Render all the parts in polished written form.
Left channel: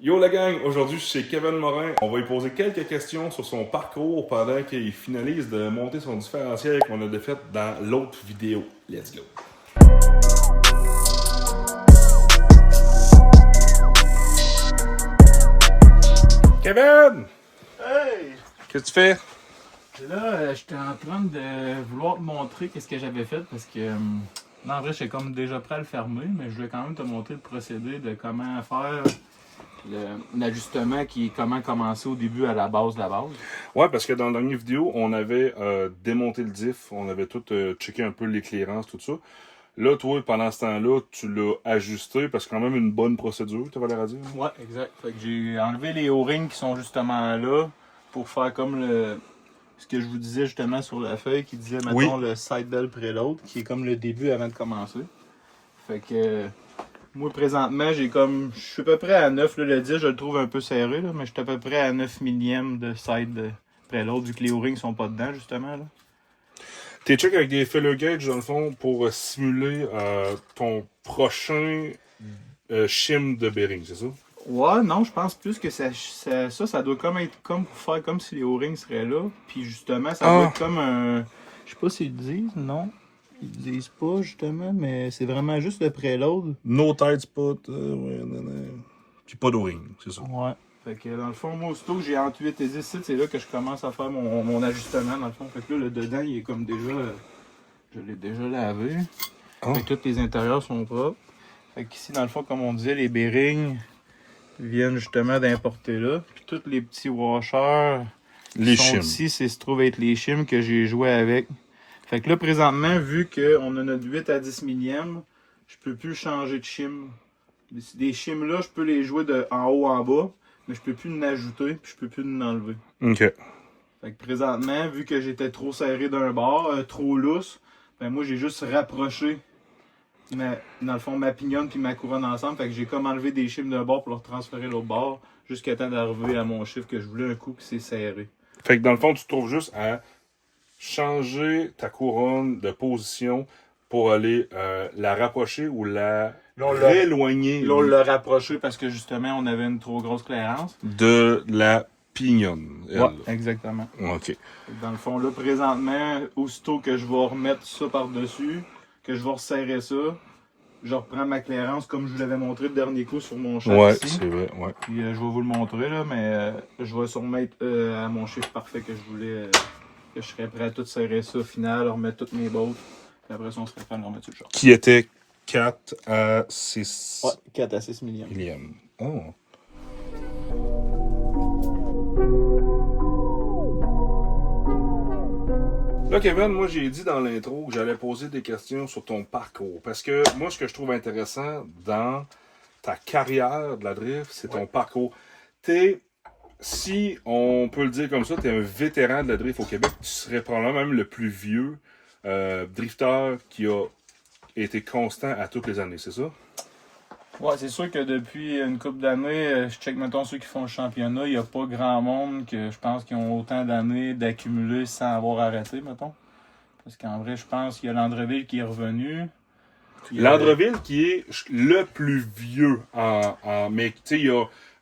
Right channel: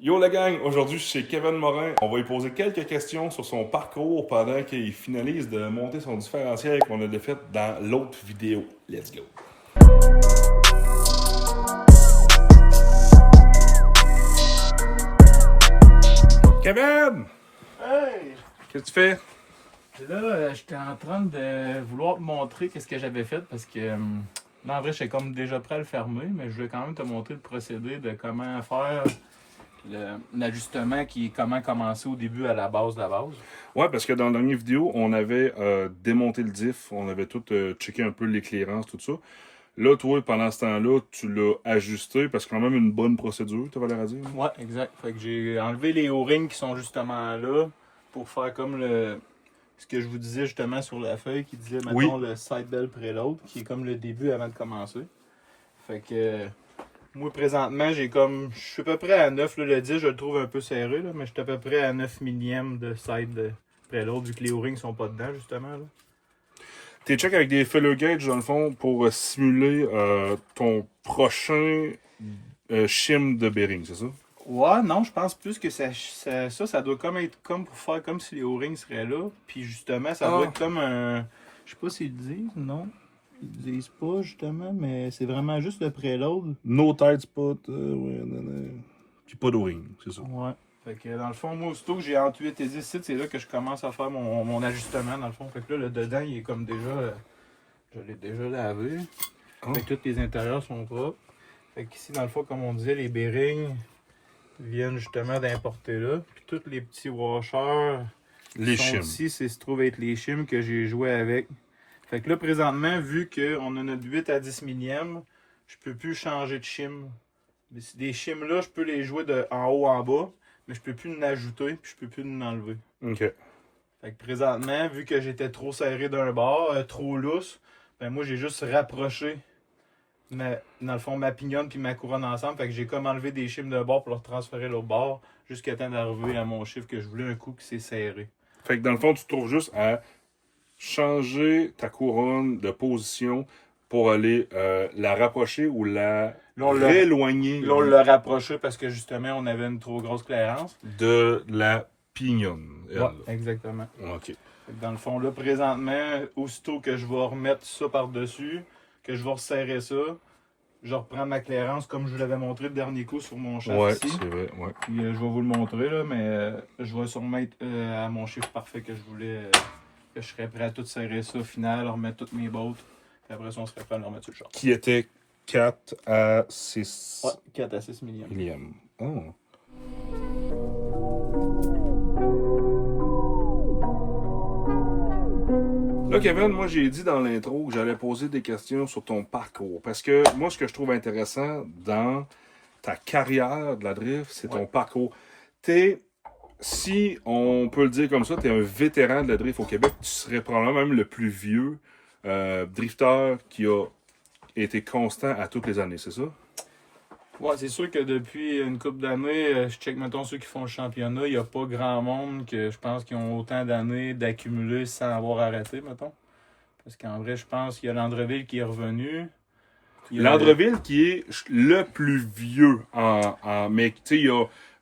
Yo la gang, aujourd'hui je suis chez Kevin Morin. On va lui poser quelques questions sur son parcours pendant qu'il finalise de monter son différentiel qu'on a fait dans l'autre vidéo. Let's go! Kevin! Hey! Qu'est-ce que tu fais? Là, j'étais en train de vouloir te montrer qu'est-ce que j'avais fait parce que là, en vrai, j'étais comme déjà prêt à le fermer, mais je voulais quand même te montrer le procédé de comment faire l'ajustement comment commencer au début à la base de la base. Ouais, parce que dans la dernière vidéo, on avait démonté le diff, on avait tout checké un peu l'éclairance, tout ça. Là, toi, pendant ce temps-là, tu l'as ajusté parce que quand même une bonne procédure, tu vas l'air à dire. Hein? Ouais, exact. Fait que j'ai enlevé les O-rings qui sont justement là pour faire comme ce que je vous disais justement sur la feuille qui disait, mettons, Oui. le side bell preload, qui est comme le début avant de commencer. Fait que moi, présentement, je suis à peu près à 9, là, le 10, je le trouve un peu serré, là, mais je suis à peu près à 9 millièmes de side preload, vu que les O-rings sont pas dedans, justement, là. T'es check avec des filler gauge, dans le fond, pour simuler ton prochain shim de bearing, c'est ça? Ouais, non, je pense plus que ça doit comme être comme pour faire comme si les O-rings seraient là. Puis justement, ça doit être comme un. Je sais pas s'ils le disent, non. Ils le disent pas, justement, mais c'est vraiment juste le preload. No tight spot, ouais, non. Puis pas d'o-ring, c'est ça. Ouais. Fait que dans le fond, moi, aussitôt que j'ai entre 8 et 10 sites, c'est là que je commence à faire mon ajustement, dans le fond. Fait que là, le dedans, il est comme déjà. Je l'ai déjà lavé. Ah. Fait que tous les intérieurs sont propres. Fait qu'ici, dans le fond, comme on disait, les bearings viennent justement d'importer là. Puis tous les petits washers Les sont shims. ici, se trouve être les shims que j'ai joué avec. Fait que là, présentement, vu qu'on a notre 8 à 10 millième, je peux plus changer de shim. Des shims là, je peux les jouer de en haut en bas, mais je peux plus en ajouter, puis je peux plus en enlever. OK. Fait que présentement, vu que j'étais trop serré d'un bord, trop lousse, ben moi j'ai juste rapproché dans le fond ma pignonne puis ma couronne ensemble. Fait que j'ai comme enlevé des chiffres d'un bord pour leur transférer l'autre bord jusqu'à temps d'arriver à mon chiffre que je voulais un coup qui s'est serré. Fait que dans le fond, tu te trouves juste à changer ta couronne de position pour aller la rapprocher ou la rééloigner Là, on l'a rapproché parce que justement on avait une trop grosse clairance. de la pignonne. Elle, Ouais, exactement. OK. Fait que dans le fond, là, présentement, aussitôt que je vais remettre ça par-dessus, que je vais resserrer ça, je reprends ma clairance comme je vous l'avais montré le dernier coup sur mon chef Ouais, ici. c'est vrai, ouais. Puis je vais vous le montrer, là, mais je vais surmettre à mon chiffre parfait que je voulais, que je serais prêt à tout serrer ça au final, remettre toutes mes bottes. Puis après ça, on serait prêt à le remettre sur le char. Qui était 4 à 6 Ouais, 4 à 6 millièmes. millièmes. Oh. Là, Kevin, moi, j'ai dit dans l'intro que j'allais poser des questions sur ton parcours. Parce que moi, ce que je trouve intéressant dans ta carrière de la drift, c'est ton parcours. Si on peut le dire comme ça, tu es un vétéran de la drift au Québec. Tu serais probablement même le plus vieux drifter qui a été constant à toutes les années, c'est ça? Ouais, c'est sûr que depuis une couple d'années, je check mettons ceux qui font le championnat, il n'y a pas grand monde que je pense qui ont autant d'années d'accumuler sans avoir arrêté, mettons. Parce qu'en vrai, je pense qu'il y a Landreville qui est revenu. Landreville qui est le plus vieux mais tu sais,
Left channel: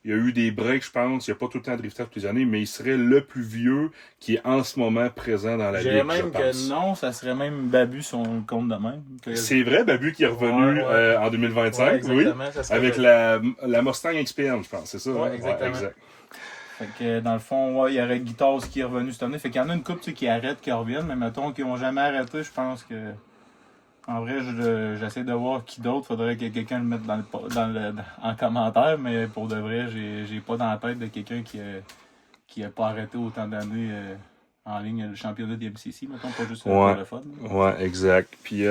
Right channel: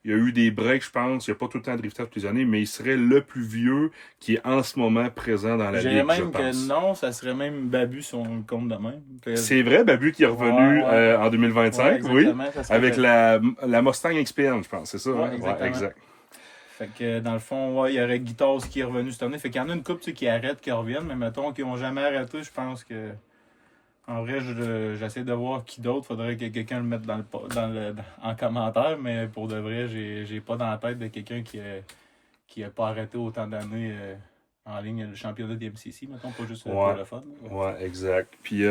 il y a eu des breaks, je pense. Il n'y a pas tout le temps drifté toutes les années, mais il serait le plus vieux qui est en ce moment présent dans la Je dirais ligue, je même pense. que non, ça serait même Babu son compte de même. C'est vrai, Babu qui est revenu en 2025, oui. Avec la Mustang XPM, je pense, c'est ça? Ouais, hein? exactement. Ouais, exact. Fait que dans le fond, ouais, il y aurait Guitars qui est revenu cette année. Fait qu'il y en a une couple qui arrêtent, qui reviennent, mais mettons qu'ils n'ont jamais arrêté, je pense que. En vrai, j'essaie de voir qui d'autre. Faudrait que quelqu'un le mette en commentaire, mais pour de vrai, j'ai pas dans la tête de quelqu'un qui a pas arrêté autant d'années en ligne le championnat des MCC, mettons, pas juste pour le fun. Ouais, exact. Puis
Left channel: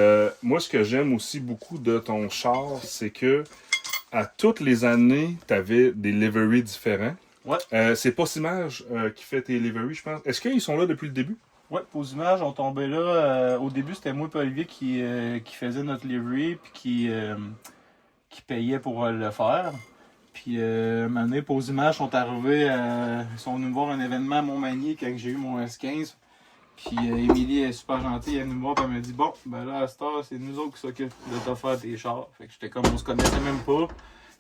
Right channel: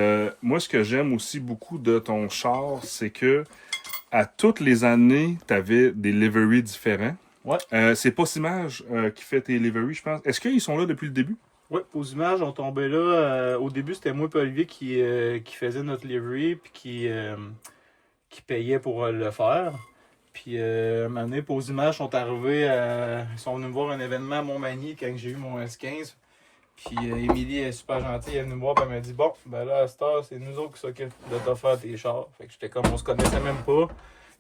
moi, ce que j'aime aussi beaucoup de ton char, c'est que à toutes les années, tu avais des liveries différents. Ouais. C'est Postimage qui fait tes liveries, je pense. Est-ce qu'ils sont là depuis le début? Ouais, Postimage, on tombait là. Au début, c'était moi et Olivier qui faisait notre livery puis qui payait pour le faire. Puis, une année, Postimage sont arrivés, ils sont venus me voir un événement à Montmagny quand j'ai eu mon S15. Puis, Émilie est super gentille, elle est venue me voir et elle m'a dit bon, ben là, à cette heure, c'est nous autres qui s'occupent de te faire tes chars. Fait que j'étais comme, on se connaissait même pas.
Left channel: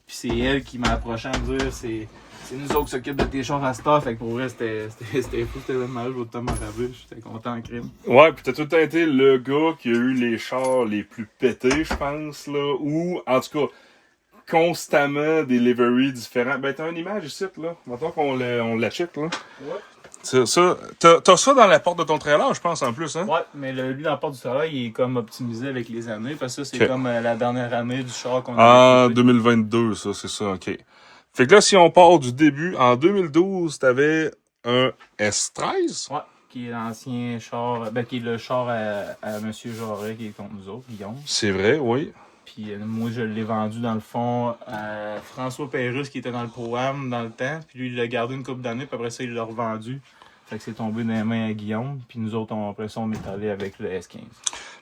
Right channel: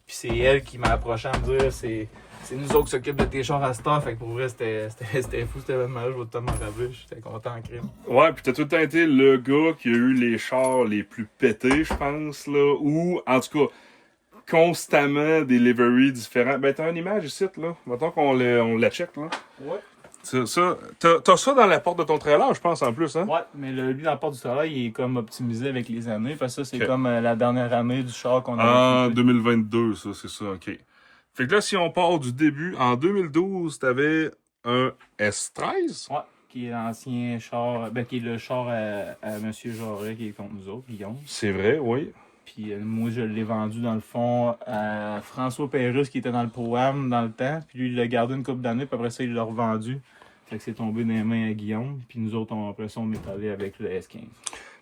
Puis c'est elle qui m'a approché à me dire c'est nous autres qui s'occupent de tes chars à cette heure. Fait que pour vrai, c'était fou, c'était vraiment mal. Je vais tout m'en rappeler. J'étais content en crime. Ouais, pis t'as tout le temps été le gars qui a eu les chars les plus pétés, je pense, là. Ou, en tout cas, constamment des liveries différents. Ben, t'as une image ici, là. Mettons on la check, là. Ouais. T'as ça dans la porte de ton trailer, je pense, en plus, hein? Ouais, mais lui, dans la porte du travail, il est comme optimisé avec les années. Parce que ça, c'est Ok. comme la dernière année du char qu'on a En équipé. 2022, ça, c'est ça, ok. Fait que là, si on part du début, en 2012, t'avais un S13? Ouais, qui est l'ancien char, qui est le char à M. Jarret qui est contre nous autres, Guillaume. C'est vrai, oui. Puis moi, je l'ai vendu dans le fond à François Pérusse qui était dans le programme dans le temps. Puis lui, il l'a gardé une couple d'années, puis après ça, il l'a revendu. Fait que c'est tombé dans les mains à Guillaume. Puis nous autres, après ça, on est allé avec le S15.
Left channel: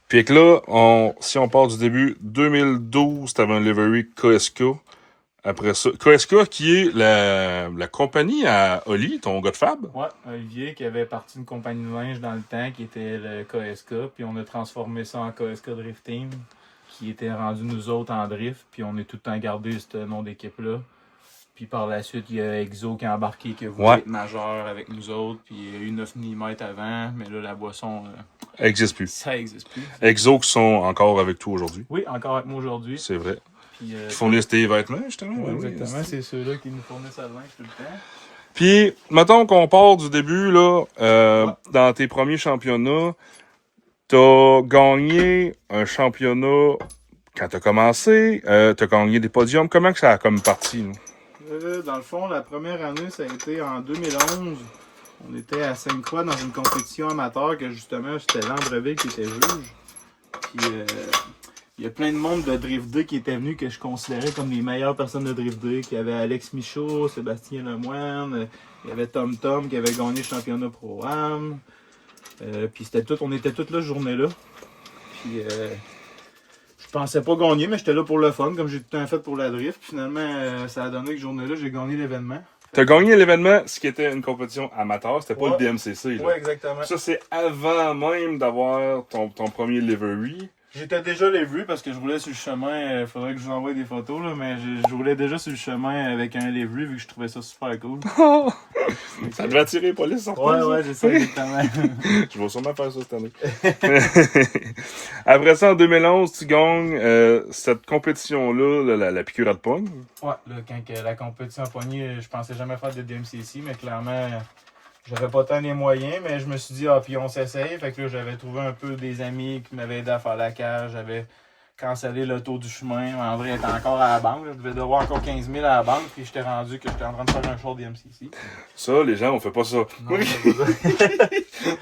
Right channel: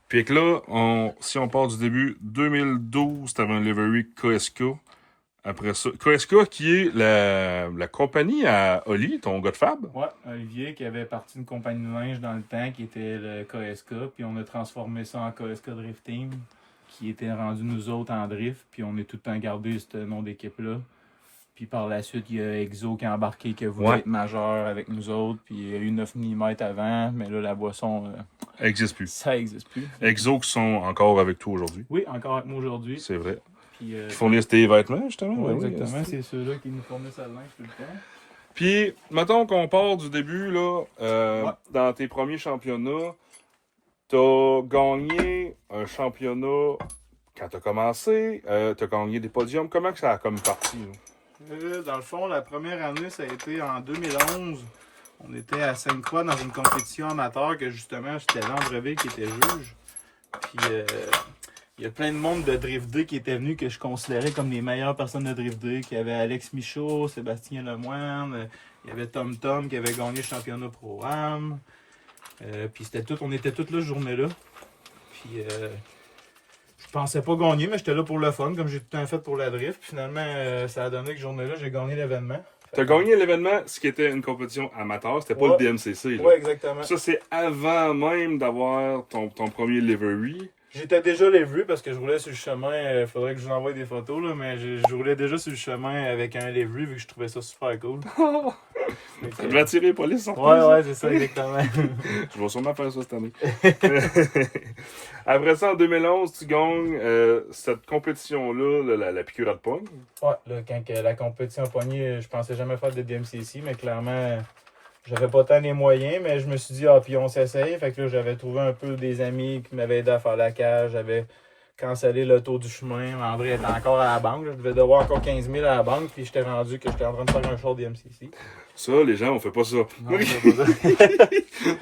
Puis que là, si on part du début, 2012, t'avais un livery KSK. Après ça, KSK qui est la compagnie à Oli, ton gars de fab. Ouais, Olivier qui avait parti une compagnie de linge dans le temps qui était le KSK. Puis on a transformé ça en KSK Drift Team qui était rendu nous autres en drift. Puis on est tout le temps gardé ce nom d'équipe-là. Puis par la suite, il y a Exo qui a embarqué, qui a voulu être majeur avec nous autres. Puis il y a eu 9 mm avant, mais là, la boisson, Elle existe plus. ça n'existe plus. Exo qui sont encore avec toi aujourd'hui. Oui, encore avec moi aujourd'hui. C'est vrai. Puis, Qui fournissent tes vêtements, justement. ouais, Oui, exactement, c'est ceux-là qui nous fournissent à linge tout le temps. Puis, mettons qu'on part du début, là, Ouais. dans tes premiers championnats, t'as gagné un championnat quand t'as commencé, t'as gagné des podiums. Comment que ça a comme parti? Dans le fond, la première année, ça a été en 2011. On était à Sainte-Croix dans une compétition amateur que justement, c'était Landreville qui était juge. Puis il y a plein de monde de Drift 2 qui était venu que je considérais comme les meilleures personnes de Drift 2. Il y avait Alex Michaud, Sébastien Lemoine, il y avait Tom Tom qui avait gagné le championnat Pro-Am. Puis on était toutes là ce journée-là. Puis je pensais pas gagner, mais j'étais là pour le fun, comme j'ai tout le temps fait pour la drift. Puis finalement, ça a donné que ce journée-là, j'ai gagné l'événement. T'as gagné l'événement, ce qui était une compétition amateur, c'était pas le DMCC. Là. Ouais, exactement. Ça, c'est avant même d'avoir ton premier livery. J'étais déjà les vues parce que je roulais sur le chemin. Il faudrait que je vous envoie des photos, là, mais je roulais déjà sur le chemin avec un livery vu que je trouvais ça super cool. Ça devait attirer les polices, en Ouais, j'ai ça exactement. Je vais sûrement faire ça cette année. Après ça, en 2011, tu gagnes cette compétition-là, la piqûre à de pogne. Ouais, là, quand la compétition a pogné, je pensais jamais faire de DMCC, mais clairement, j'avais pas tant les moyens, mais je me suis dit, puis on s'essaye. Fait que là, j'avais trouvé un peu des amis qui m'avaient aidé à faire la cage. J'avais cancellé le tour du chemin. En vrai, j'étais encore à la banque. Je devais devoir encore 15 000 à la banque, puis j'étais rendu que j'étais en train de faire un show DMCC. Ça, les gens, on fait pas ça. Non, c'est pas ça.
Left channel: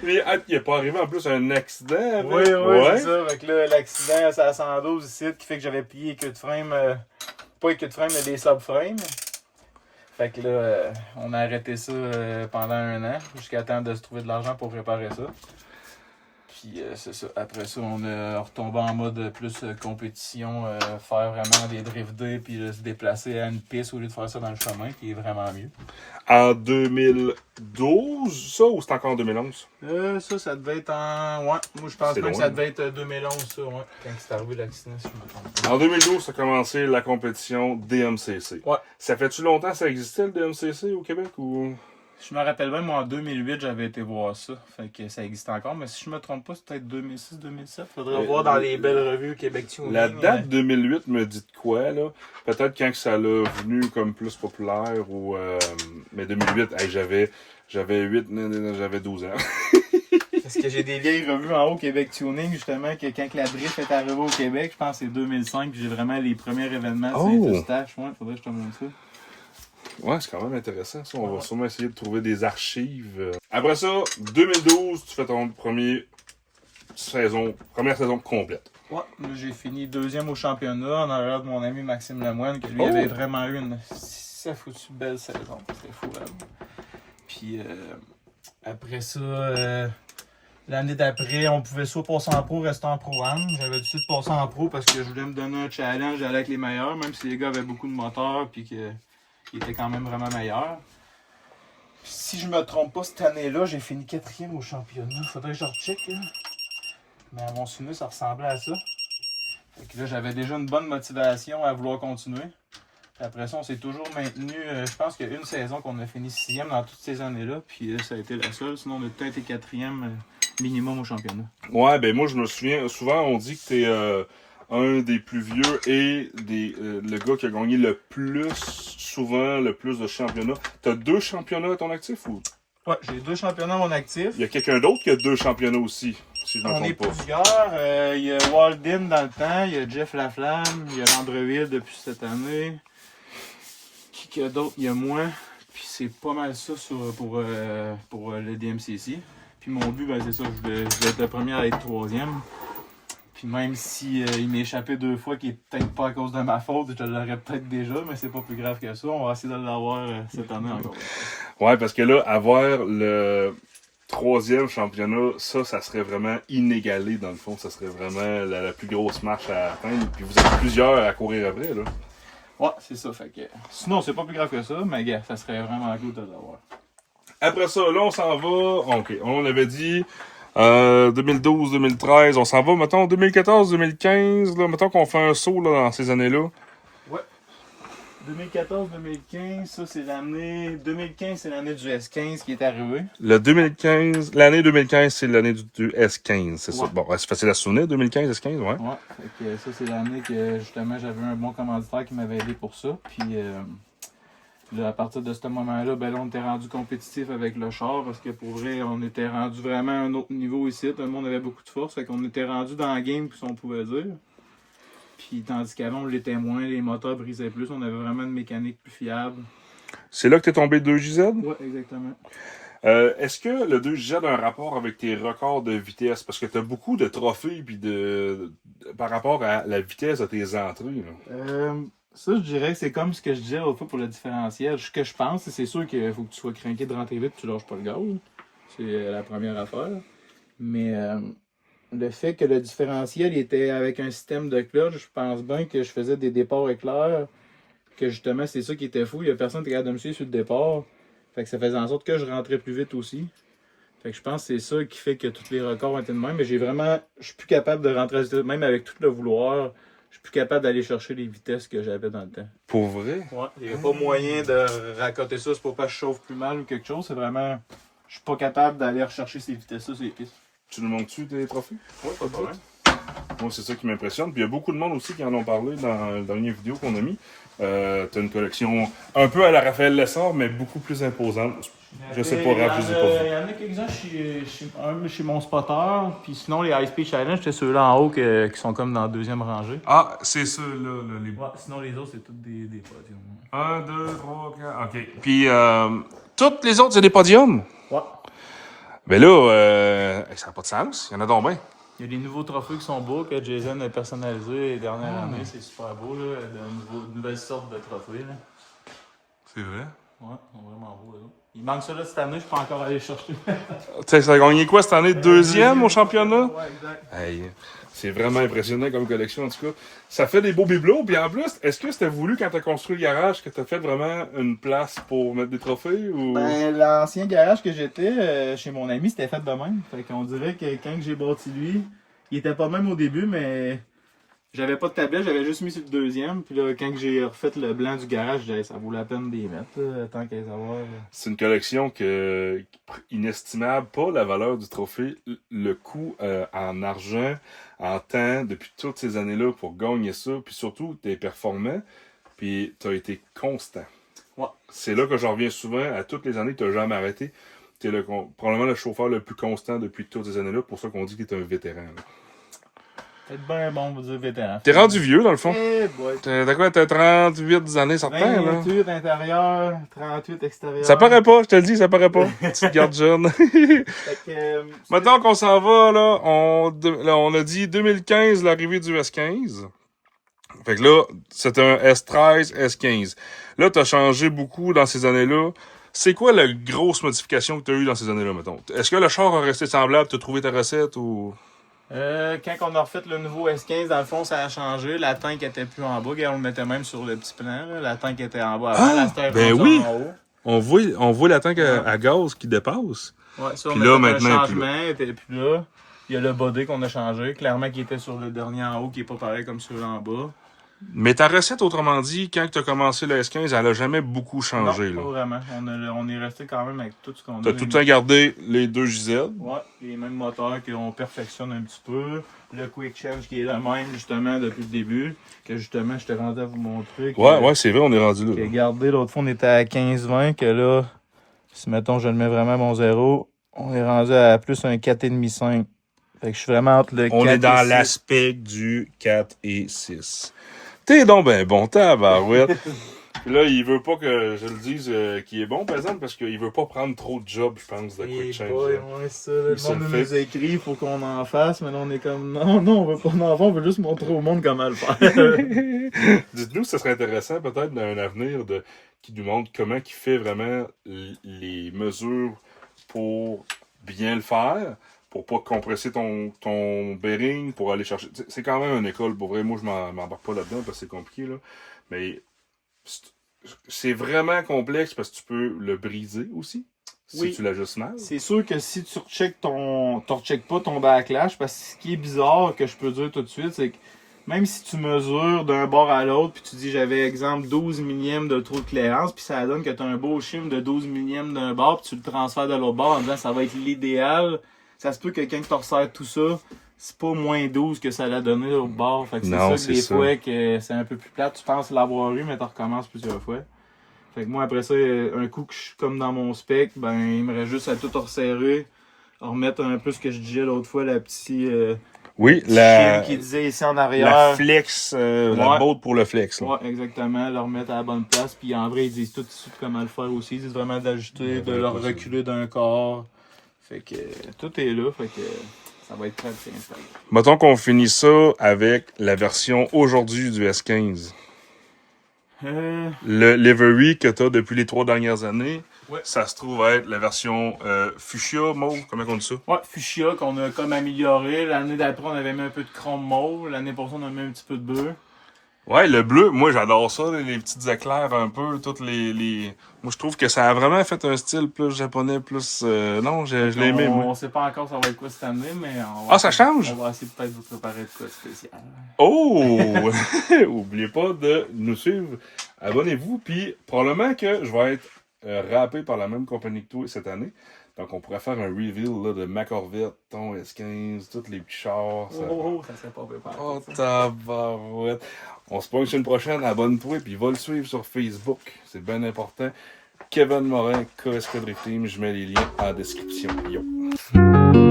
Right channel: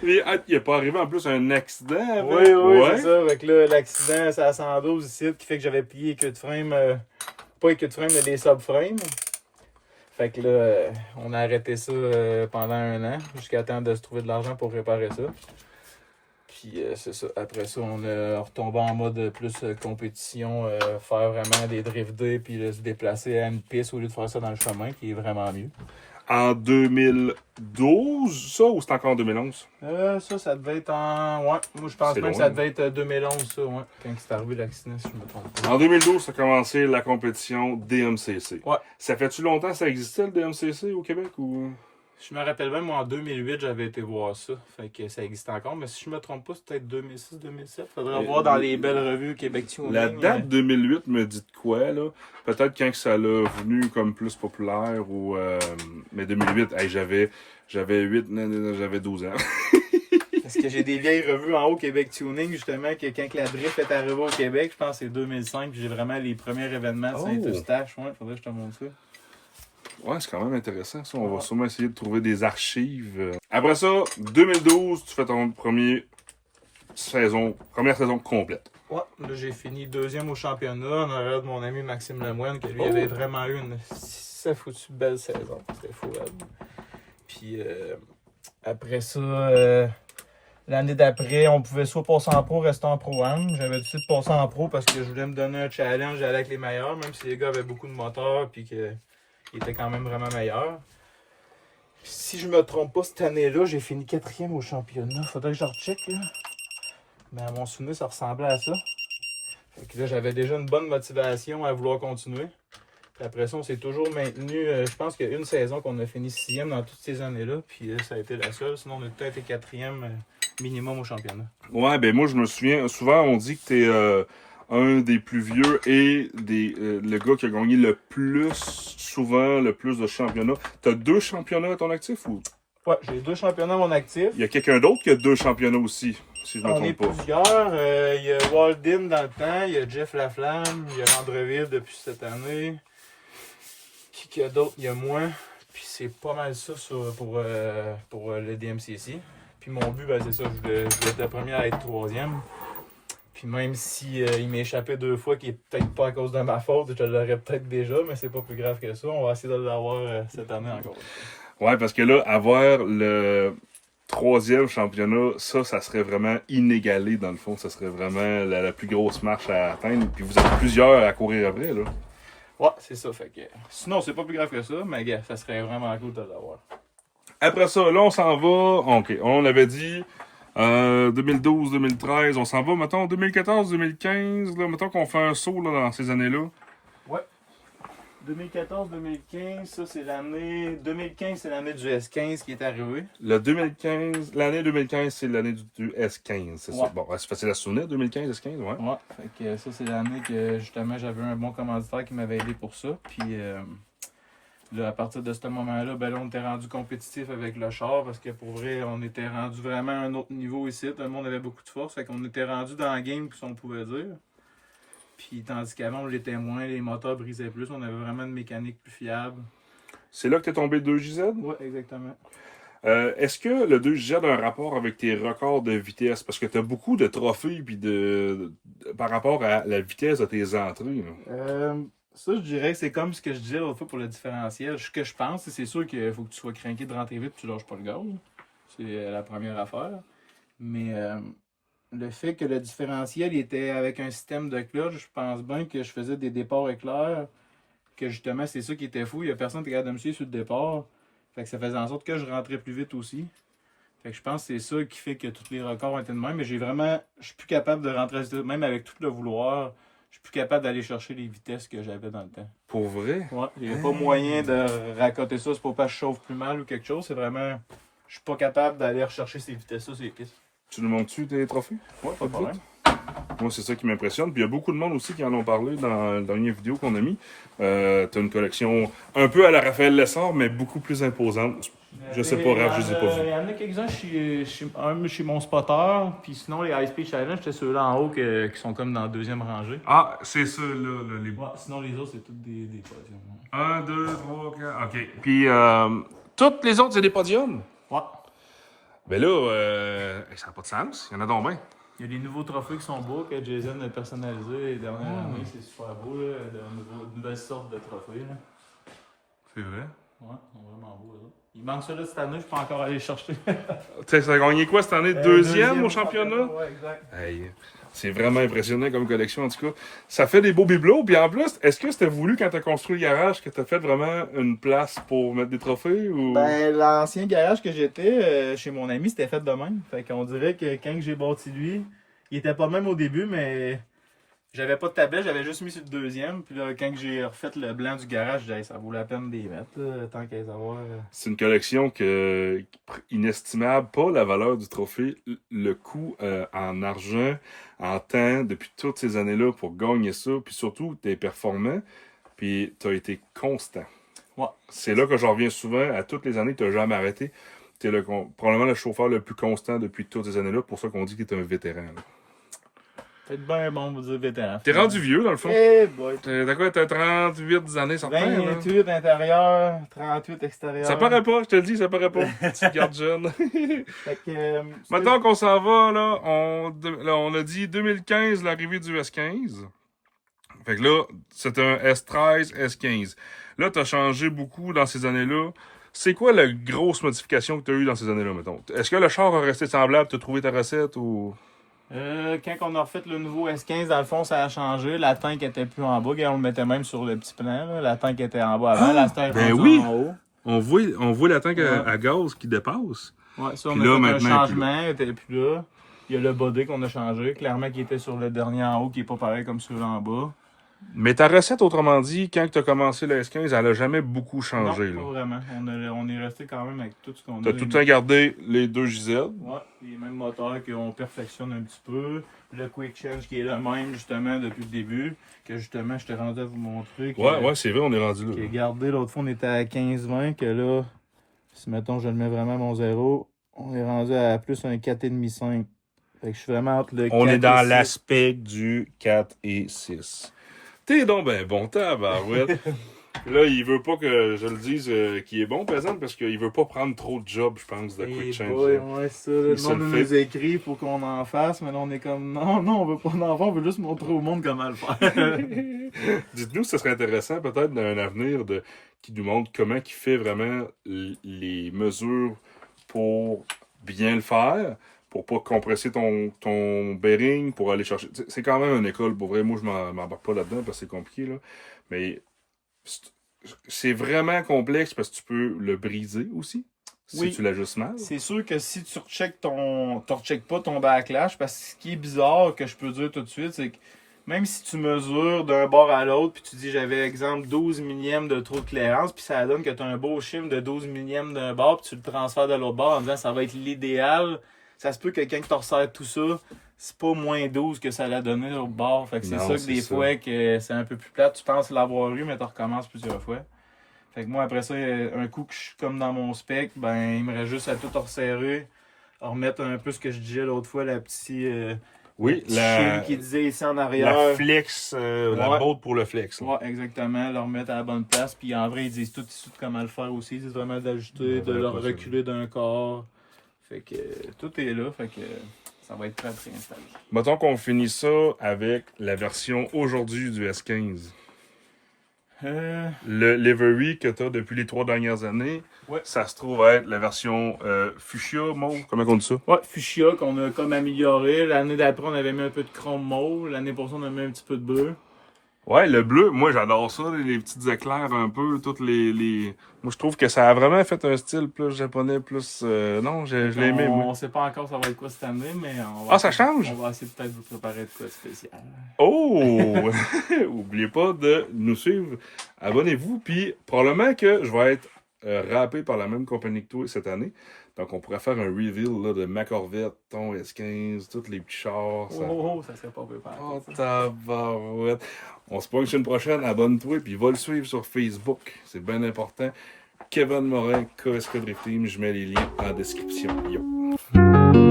Mais il est pas arrivé en plus un accident avec. Oui, ouais. c'est ça. Fait que là, l'accident, c'est à 112 ici, qui fait que j'avais plié les queues de frame. Pas les queues de frame, mais les subframes. Fait que là, on a arrêté ça pendant un an, jusqu'à temps de se trouver de l'argent pour réparer ça. Puis c'est ça. Après ça, on est retombé en mode plus compétition, faire vraiment des drift day, puis se déplacer à une piste au lieu de faire ça dans le chemin, qui est vraiment mieux. En 2012, ça, ou c'est encore en 2011? Ça devait être en... Ouais, moi je pense C'est même que loin, ça devait être 2011, ça, ouais. Quand c'est arrivé l'accident, si je me trompe pas. En 2012, ça a commencé la compétition DMCC. Ouais. Ça fait-tu longtemps que ça existait, le DMCC, au Québec, ou... Je me rappelle bien, moi en 2008, j'avais été voir ça. Fait que ça existe encore, mais si je me trompe pas, c'est peut-être 2006-2007. Faudrait voir dans les belles revues Québec Tuning. La date 2008 me dit de quoi, là? Peut-être quand que ça l'a venu comme plus populaire, ou... mais 2008, hey, j'avais 12 ans. Parce que j'ai des vieilles revues en haut Québec Tuning, justement, que quand la drift est arrivée au Québec, je pense que c'est 2005, puis j'ai vraiment les premiers événements de Saint-Eustache. Ouais, faudrait que je te montre ça. Ouais, c'est quand même intéressant, ça. On va sûrement essayer de trouver des archives. Après ça, 2012, tu fais ton première saison complète. Ouais, là j'ai fini deuxième au championnat en arrière de mon ami Maxime Lemoine, que lui avait vraiment eu une foutue belle saison. C'était fou, là. Puis après ça, l'année d'après, on pouvait soit passer en pro, rester en pro-am. J'avais décidé de passer en pro parce que je voulais me donner un challenge, j'allais avec les meilleurs, même si les gars avaient beaucoup de moteurs puis qu'ils étaient quand même vraiment meilleurs. Puis si je me trompe pas, cette année-là, j'ai fini 4e au championnat. Faudrait que je recheck, là. Mais à mon souvenir, ça ressemblait à ça. Fait que là, j'avais déjà une bonne motivation à vouloir continuer. Puis après ça, on s'est toujours maintenu. Je pense qu'il y a une saison qu'on a fini 6e dans toutes ces années-là. Puis ça a été la seule. Sinon, on a peut-être été 4e minimum au championnat. Ouais, ben moi, je me souviens, souvent, on dit que t'es un des plus vieux et le gars qui a gagné le plus souvent, le plus de championnats. T'as 2 championnats à ton actif ou? Ouais, j'ai 2 championnats à mon actif. Il y a quelqu'un d'autre qui a 2 championnats aussi, si je me On est trompe pas. plusieurs. Il y a Walden dans le temps, il y a Jeff Laflamme, il y a Landreville depuis cette année. Qui y a d'autres? Il y a moi. Puis c'est pas mal ça pour le DMCC. Puis mon but, ben, c'est ça, je voulais être le premier à être 3e. Puis même si il m'est échappé 2 fois, qui est peut-être pas à cause de ma faute, je l'aurais peut-être déjà, mais c'est pas plus grave que ça. On va essayer de l'avoir cette année encore. Ouais, parce que là, avoir le 3e championnat, ça serait vraiment inégalé dans le fond. Ça serait vraiment la plus grosse marche à atteindre. Puis vous êtes plusieurs à courir après, là. Ouais, c'est ça. Fait que sinon, c'est pas plus grave que ça, mais gars, ça serait vraiment cool de l'avoir. Après ça, là, on s'en va. OK, on avait dit 2012-2013. On s'en va, mettons, 2014-2015. Là, mettons qu'on fait un saut là, dans ces années-là. Ouais. 2014-2015, ça c'est l'année. 2015, c'est l'année du S15 qui est arrivé. L'année 2015, c'est l'année du S15, c'est ça. Ouais. Bon, c'est facile à se souvenir, 2015, S15, ouais. Ouais, fait que ça c'est l'année que justement j'avais un bon commanditaire qui m'avait aidé pour ça. Puis là, à partir de ce moment-là, ben là, on était rendu compétitif avec le char parce que pour vrai, on était rendu vraiment à un autre niveau ici. Tout le monde avait beaucoup de force, fait qu'on était rendu dans la game, si on pouvait dire. Puis tandis qu'avant, on l'était moins, les moteurs brisaient plus, on avait vraiment une mécanique plus fiable. C'est là que t'es tombé 2JZ? Ouais, exactement. Est-ce que le 2JZ a un rapport avec tes records de vitesse? Parce que t'as beaucoup de trophées puis par rapport à la vitesse de tes entrées. Ça, je dirais, c'est comme ce que je disais l'autre fois pour le différentiel. Ce que je pense, c'est sûr qu'il faut que tu sois craqué de rentrer vite et tu lâches pas le gaz. C'est la première affaire. Mais le fait que le différentiel était avec un système de clutch, je pense bien que je faisais des départs éclairs. Que justement, c'est ça qui était fou. Il y a personne qui était capable de me suivre sur le départ. Fait que ça faisait en sorte que je rentrais plus vite aussi. Fait que je pense que c'est ça qui fait que tous les records ont été de même. Mais je suis plus capable de rentrer, même avec tout le vouloir. Je suis plus capable d'aller chercher les vitesses que j'avais dans le temps. Pour vrai? Ouais, il n'y a pas moyen de racoter ça, c'est pour pas que je chauffe plus mal ou quelque chose. C'est vraiment. Je suis pas capable d'aller rechercher ces vitesses-là sur les pistes. Tu nous montres-tu tes trophées? Ouais, pas de problème. Moi, c'est ça qui m'impressionne. Puis il y a beaucoup de monde aussi qui en ont parlé dans la dernière vidéo qu'on a mis. T'as une collection un peu à la Raphaël Lessard, mais beaucoup plus imposante. Je sais pas, Raph, je les ai pas vus. Il y en a quelques-uns chez mon spotter, puis sinon les High Speed Challenge, c'était ceux-là en haut qui sont comme dans la deuxième rangée. Ah, c'est ceux-là, les... Ouais, sinon les autres, c'est toutes des podiums. 1, 2, 3, 4, OK. Puis, toutes les autres, c'est des podiums? Ouais. Mais là, ça n'a pas de sens. Il y en a donc bien. Il y a des nouveaux trophées qui sont beaux, que Jason a personnalisés les dernières années. C'est super beau, là. De nouvelles sortes de trophées, là. C'est vrai? Ouais, ils sont vraiment beaux, là. Il manque ça, là, cette année. Je peux encore aller chercher. Tu sais, ça a gagné quoi cette année? Deuxième au championnat? Ouais, exact. Hey, c'est vraiment impressionnant comme collection, en tout cas. Ça fait des beaux bibelots. Puis en plus, est-ce que c'était voulu quand tu as construit le garage que tu as fait vraiment une place pour mettre des trophées? Ou... Ben, l'ancien garage que j'étais chez mon ami, c'était fait de même. Fait qu'on dirait que quand j'ai bâti lui, il était pas le même au début, mais j'avais pas de tablette, j'avais juste mis sur le deuxième. Puis là, quand j'ai refait le blanc du garage, j'ai dit, ça vaut la peine d'y mettre, là, tant qu'à les avoir. C'est une collection inestimable, pas la valeur du trophée, le coût en argent, en temps, depuis toutes ces années-là pour gagner ça, puis surtout, t'es performant, puis t'as été constant. Ouais. C'est là que je reviens souvent, à toutes les années, t'as jamais arrêté. T'es probablement le chauffeur le plus constant depuis toutes ces années-là, pour ça qu'on dit qu'il est un vétéran. Là. Peut-être bien bon, vous dire vétéran. T'es rendu vieux, dans le fond. Eh boy. T'as quoi, t'as 38 années, certains, là? 28 intérieur, 38 extérieur. Ça paraît pas, je te le dis, ça paraît pas. Tu te gardes jeune. Fait que, Maintenant qu'on s'en va, là, on a dit 2015, l'arrivée du S15. Fait que là, c'est un S13, S15. Là, t'as changé beaucoup dans ces années-là. C'est quoi la grosse modification que t'as eue dans ces années-là, mettons? Est-ce que le char a resté semblable? T'as trouvé ta recette ou... quand on a refait le nouveau S15, dans le fond, ça a changé. La tank était plus en bas. On le mettait même sur le petit plan. Là. La tank était en bas avant. La tank ben oui! en haut. On voit la tank à gaz qui dépasse. Ouais, ça, puis on là, a fait maintenant, un changement. Il était plus là. Il y a le body qu'on a changé. Clairement, qui était sur le dernier en haut, qui est pas pareil comme celui-là en bas. Mais ta recette, autrement dit, quand tu as commencé le S15, elle a jamais beaucoup changé. Non, pas Là. vraiment. On est resté quand même avec tout ce qu'on a. Tu as tout le temps gardé les 2 JZ. Ouais, les mêmes moteurs qu'on perfectionne un petit peu. Le Quick Change qui est le même, justement, depuis le début. Que justement, je t'ai rendu à vous montrer. Ouais, c'est vrai, on est rendu là. Que gardé, l'autre fois, on était à 15-20. Que là, si mettons, je le mets vraiment à mon 0, on est rendu à plus un 4,5-5. Fait que je suis vraiment entre le 4 On est dans et 6. l'aspect du 4 et 6. T'es donc ben bon, tabarouette. Là, il veut pas que je le dise qu'il est bon, par exemple, parce qu'il veut pas prendre trop de job, je pense, de Quick Change. Ouais, ça. Le se le monde fait. nous écrit, il faut qu'on en fasse, mais là, on est comme, non, on veut pas en faire, on veut juste montrer au monde comment le faire. Dites-nous, ce serait intéressant peut-être dans un avenir qui nous montre comment il fait vraiment les mesures pour bien le faire, pour pas compresser ton bearing, pour aller chercher. C'est quand même une école, pour vrai, moi je m'embarque pas là-dedans parce que c'est compliqué, là. Mais c'est vraiment complexe parce que tu peux le briser aussi, si Oui. tu l'ajustes mal. C'est sûr que si tu recheckes pas ton backlash, parce que ce qui est bizarre que je peux dire tout de suite, c'est que même si tu mesures d'un bord à l'autre, puis tu dis j'avais exemple 12 millièmes de trou de clairance, puis ça donne que tu as un beau chiffre de 12 millièmes d'un bord, puis tu le transfères de l'autre bord en disant ça va être l'idéal, ça se peut que quelqu'un qui te resserre tout ça, c'est pas moins 12 que ça l'a donné de l'autre bord. Fait que c'est Non, ça que c'est des ça. fois que c'est un peu plus plate, tu penses l'avoir eu, mais tu recommences plusieurs fois. Fait que moi, après ça, un coup que je suis comme dans mon spec, ben, il me reste juste à tout resserrer, remettre un peu ce que je disais l'autre fois, la petite Oui, chine qui disait ici en arrière. la flex, la Ouais. botte pour le flex. Là. Ouais, exactement, le remettre à la bonne place. Puis en vrai, ils disent tout comment le faire aussi. Ils disent vraiment d'ajuster, Ouais, de le pas ça. reculer d'un corps. Fait que tout est là, fait que ça va être prêt à s'installer. Mettons qu'on finit ça avec la version aujourd'hui du S15. Le livery que tu as depuis les 3 dernières années, Ouais. ça se trouve être la version fuchsia, mauve, comment on dit ça? Ouais, fuchsia qu'on a comme amélioré. L'année d'après, on avait mis un peu de chrome mauve. L'année pour ça, on a mis un petit peu de bleu. Ouais, le bleu, moi j'adore ça, les petites éclairs un peu, toutes les... Moi je trouve que ça a vraiment fait un style plus japonais, plus... Non, je l'ai aimé, moi. On sait pas encore ça va être quoi cette année, mais on Ah, va ça essayer- change? On va essayer de peut-être vous préparer de quoi de spécial. Oh! Oubliez pas de nous suivre. Abonnez-vous, puis probablement que je vais être rappé par la même compagnie que toi cette année. Donc, on pourrait faire un reveal là, de ma Corvette, ton S15, tous les petits chars. Ça... Ça serait pas préparé. Oh, tabarouette. On se pointe sur une prochaine. Abonne-toi, puis va le suivre sur Facebook. C'est bien important. Kevin Morin, KSK Drift Team. Je mets les liens en description. Yo!